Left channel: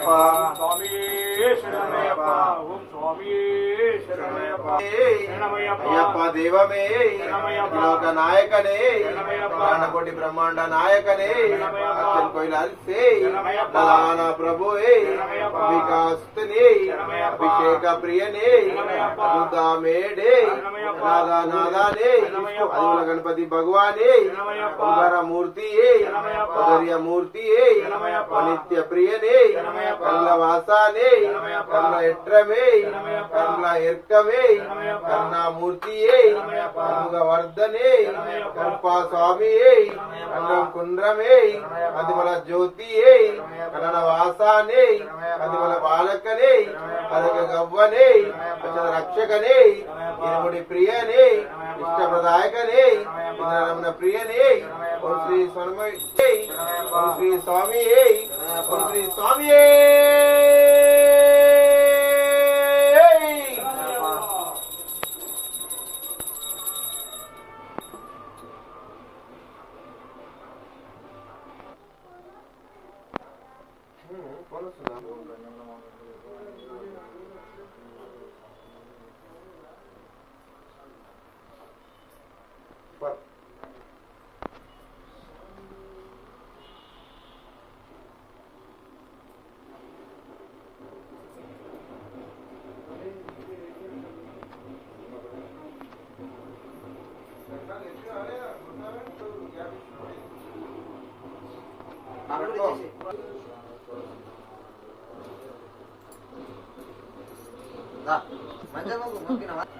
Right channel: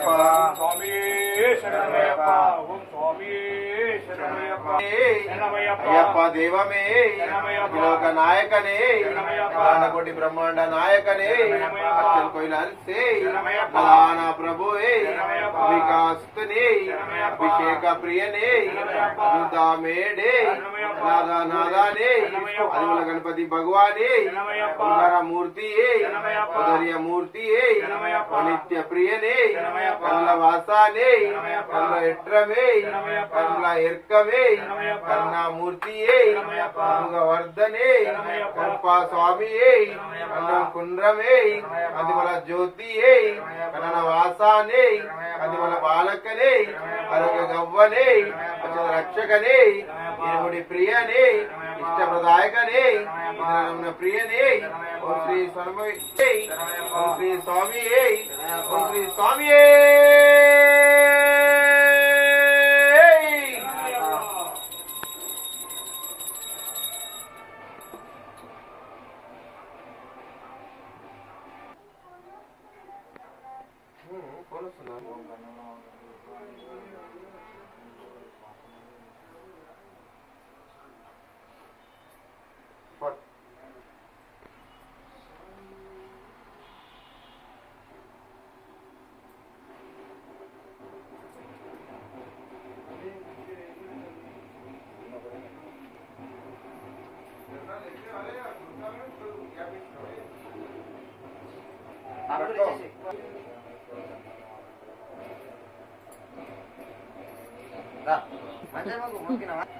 స్వామి శరణమయ్యప్ప ఓం స్వామి అయ్యప్ప దేవమే లోక నాయకనే కోటి బ్రహ్మాండ నాయకనే కోయిలే ప్రధాన ప్రభువే వికాస్తనే అభిషేక ప్రియనే మేడే నాదా నాదానే అదిముల గణపతి భగవానే ఓంకార మూర్తియే ఉదర్య మూర్తియే నిత్య ప్రియనే కల్ల వాసానే కల్ల ఎట్రమే కల్ల ఎర్కమే కర్ణమూర్తియే వర్ధనే కల్పా స్వామియే కన్నం కుండ్రమే అదిమల జ్యోతియే కన్నడ వాసానే అదిమల బాలకనే కలగ గవ్వనే రక్షకనే ఇరుముడి ప్రియనే ఇష్టప్రదాయకనే రమణ ప్రియనే ఓం శ్రీ స్వామి ఓం శ్రీ స్వామి ఓం శ్రీ స్వామి మంచిగా